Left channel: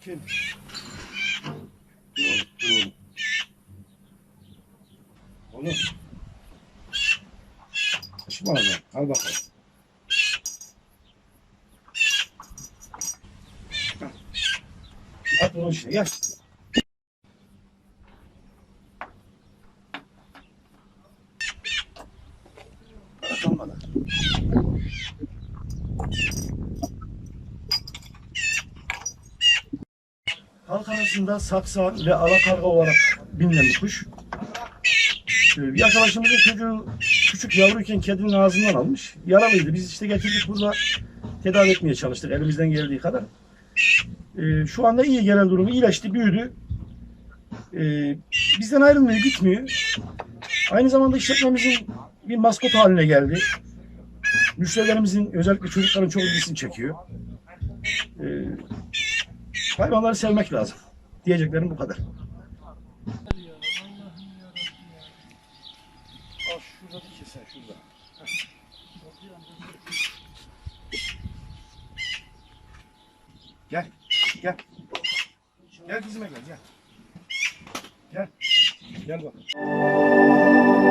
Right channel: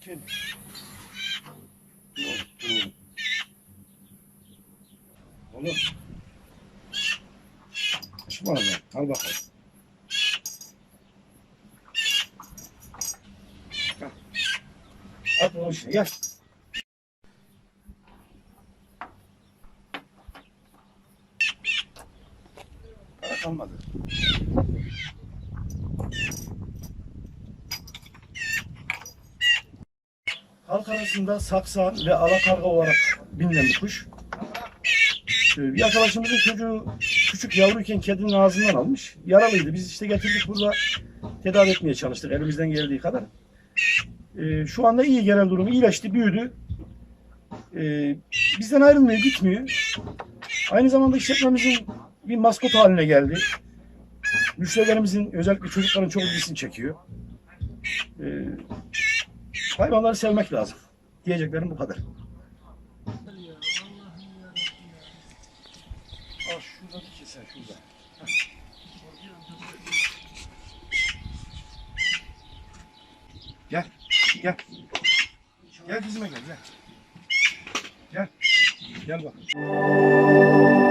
Kim? Oğlum, oğlum. Çıkma lan. Al bakalım. At onu işte gel. Para kalmadı. Halk arasında saksan ve alakarga olarak bilinen bir kuş. Ee, Bir arkadaşımızın çocuğu küçük yavruyken kedinin ağzından almış. Yaralıydı. Biz işte getirdik burada tedavi etmeye çalıştık elimizden geldiği kadar. Ee, Şu anda iyi genel durumu. iyileşti, büyüdü. Ee, Bizden ayrılmıyor, gitmiyor. Aynı zamanda işletmemizin bir maskot haline geldi. Müşterilerimizin özellikle çocukların çok ilgisini çekiyor. Ee, hayvanları sevmek lazım. Diyeceklerim bu kadar. Al. Gel, gel. Gel dizime gel, gel. Gel, gel bak.